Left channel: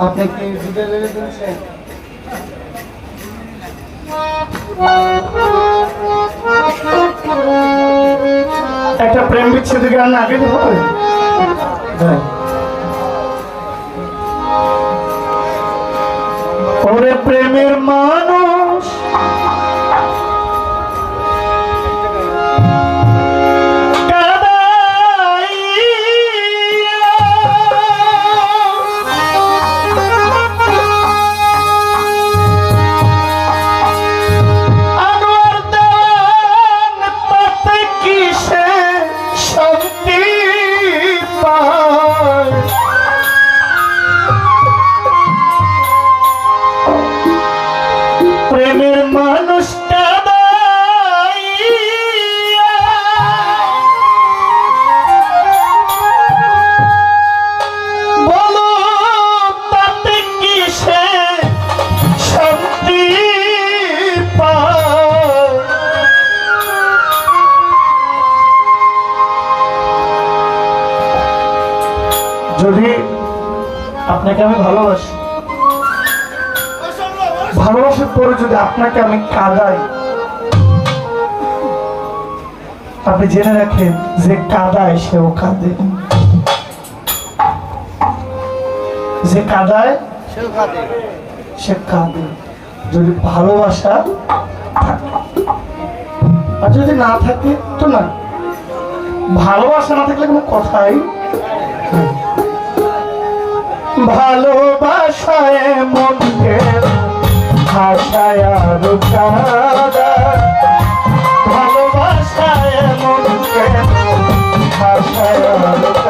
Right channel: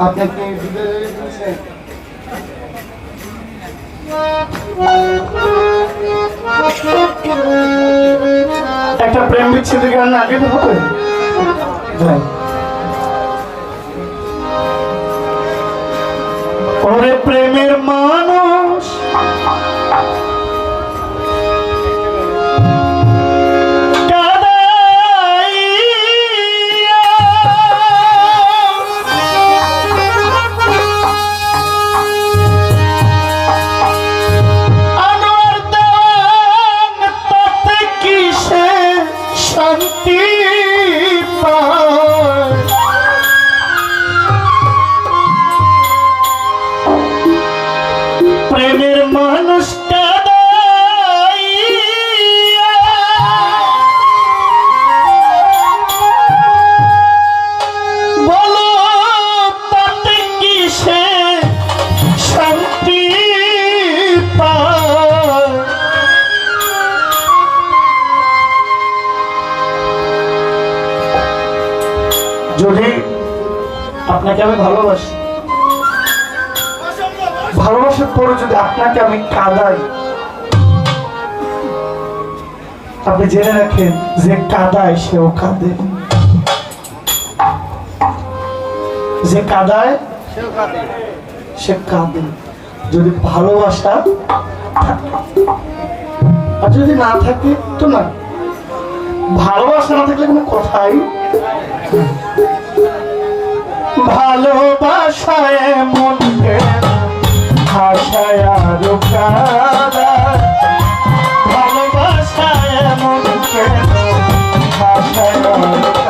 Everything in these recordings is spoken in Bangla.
আপনাকে একটা প্রেম বিচ্ছেদের আগে তো হবে। যাই। প্রেমের মা বছর পরে যদি আপনাকে আমি কাঁদাই আপনি জেনে রাখেন যে কাদায় সেও কাঁদে। যে কাদায় সে কাঁদে। যদি ভালোবাসা আর যদি না থাকে তো না। ভালোবাসা না থাকলে কোনো কথাই ভালোবাসায় মন ভাষায় ভালোবাসায় মন ভাষায়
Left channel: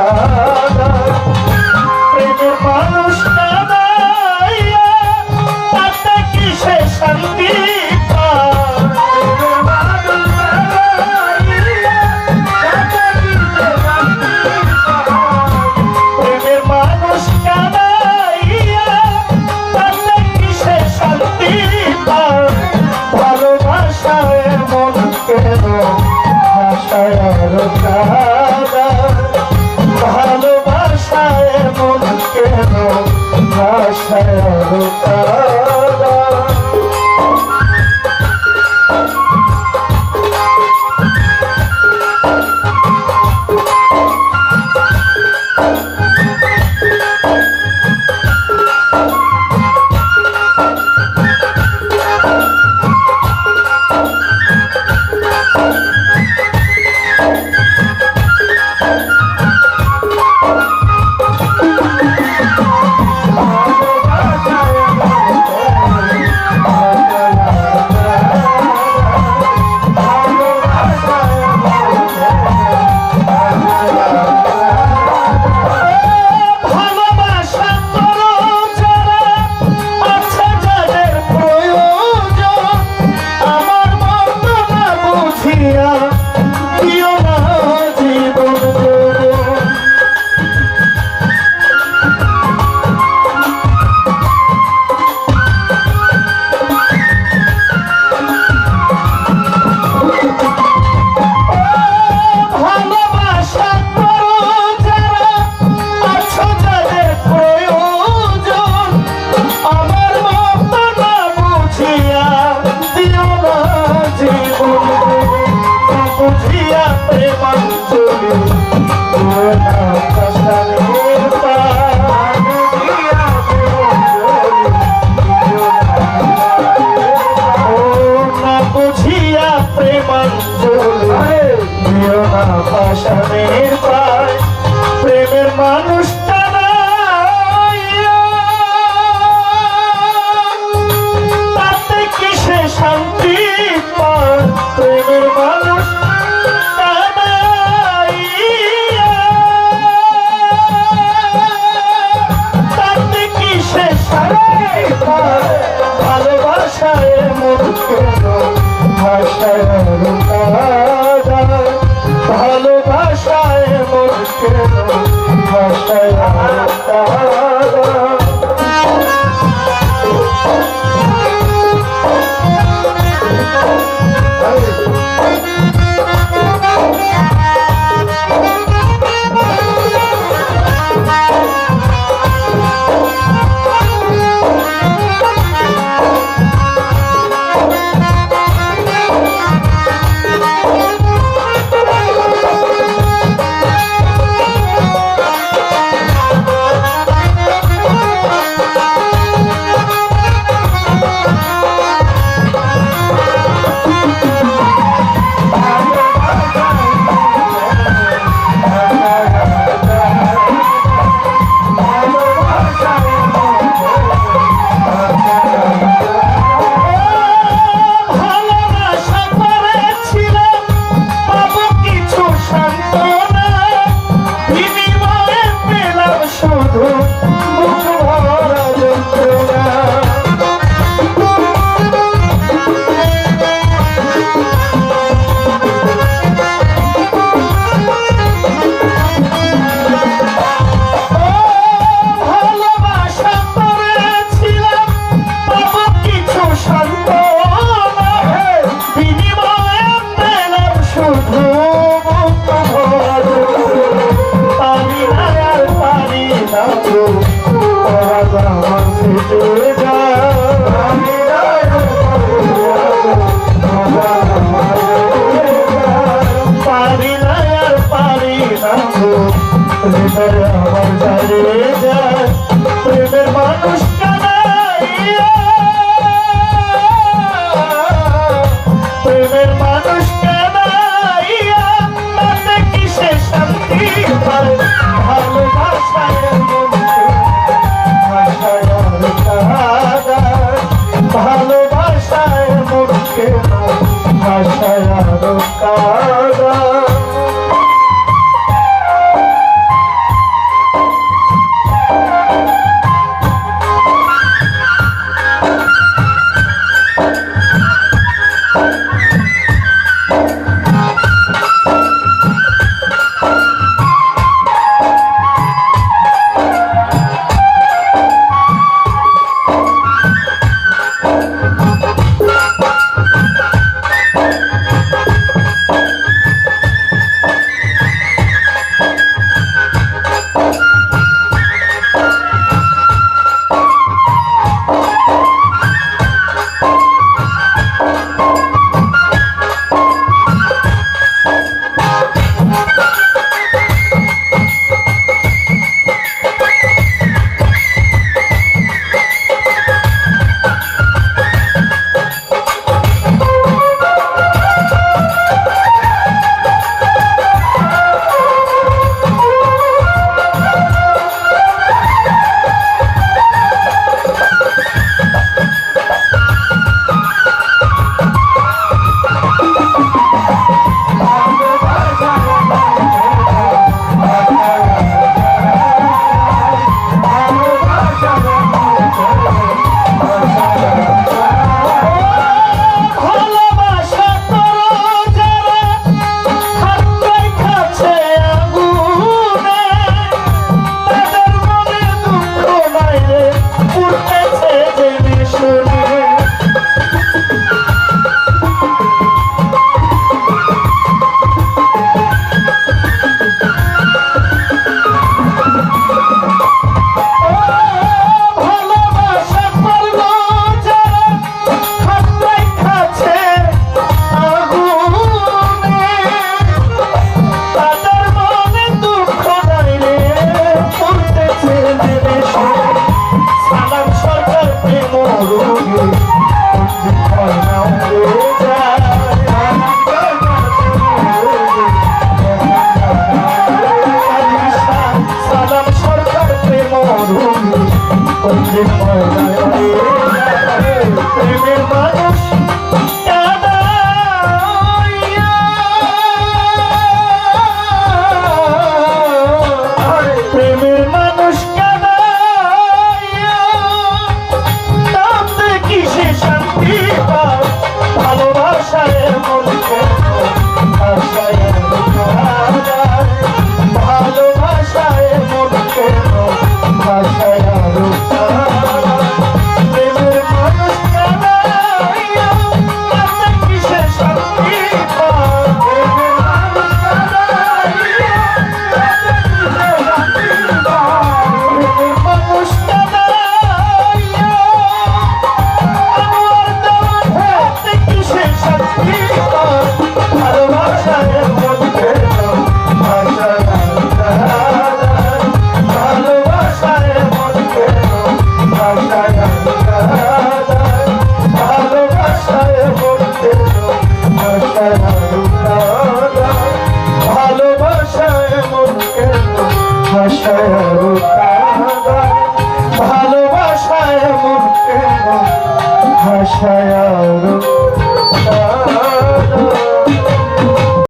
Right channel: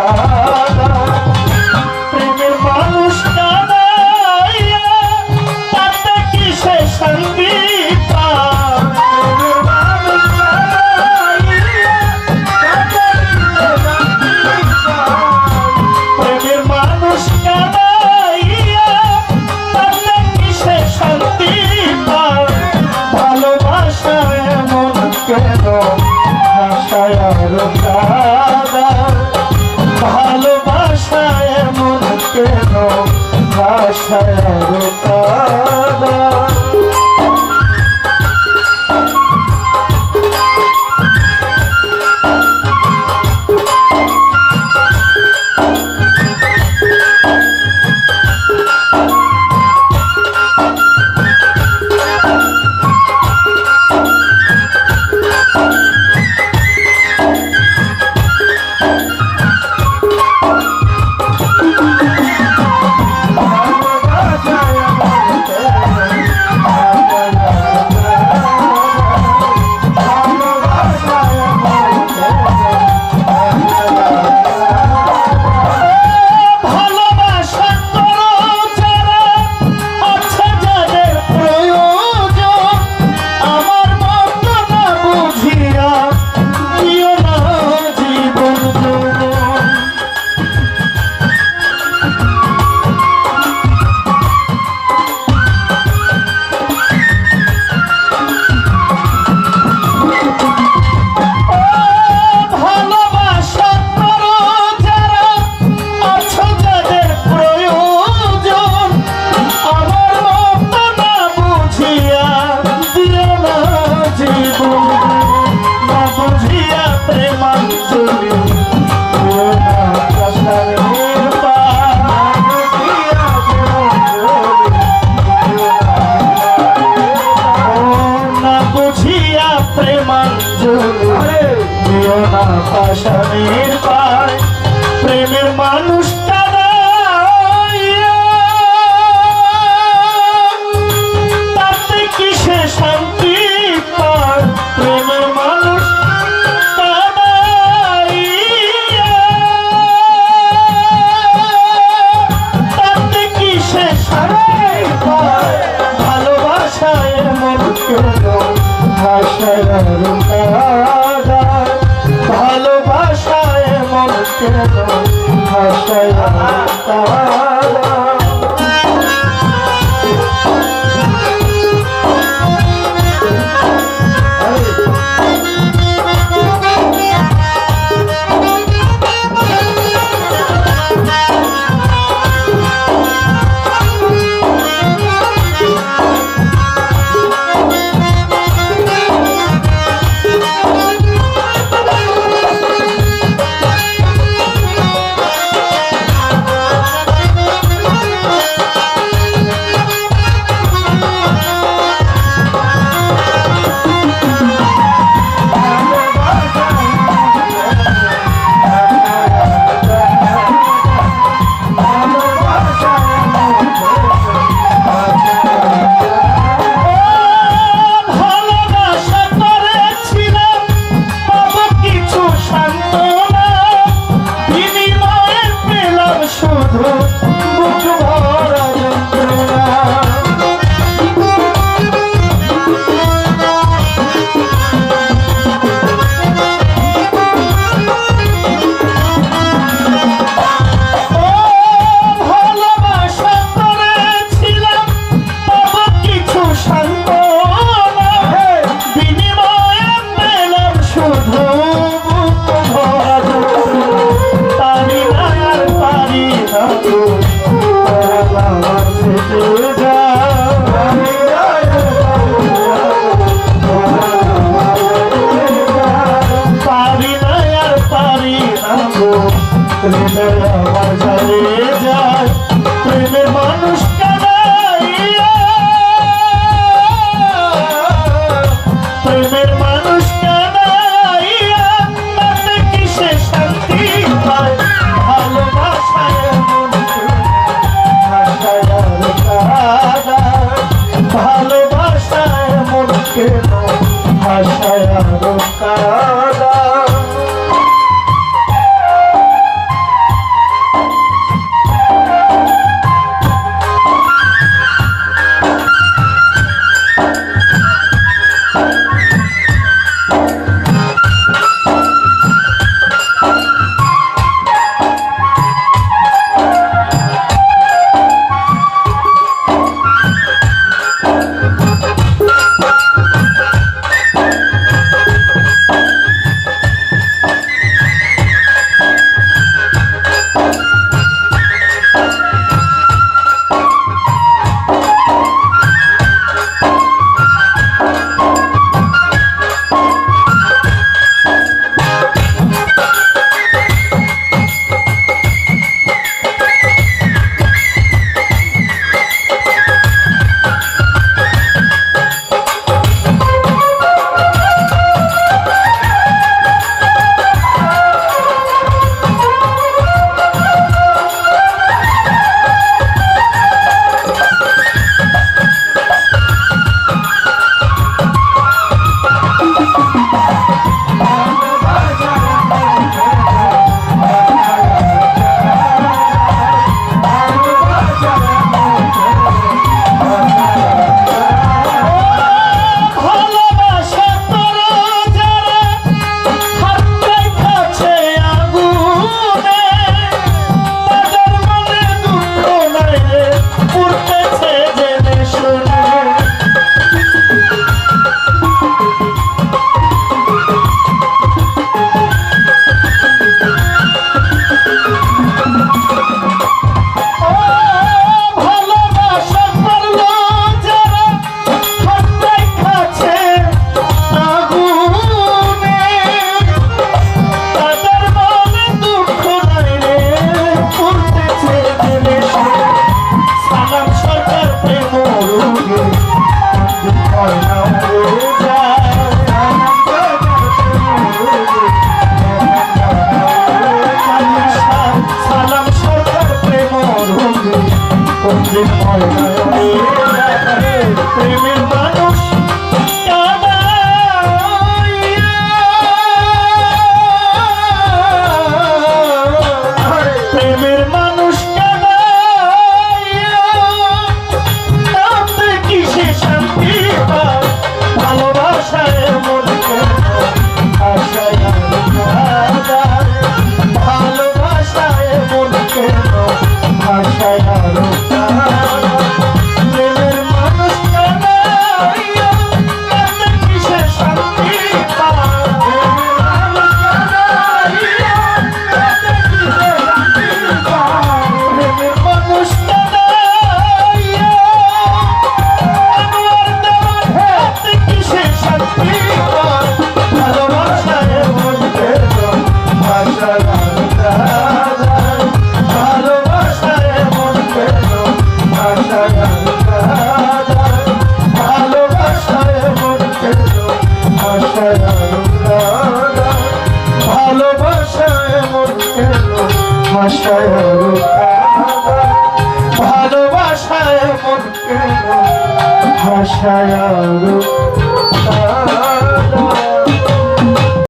ah, ah, ah.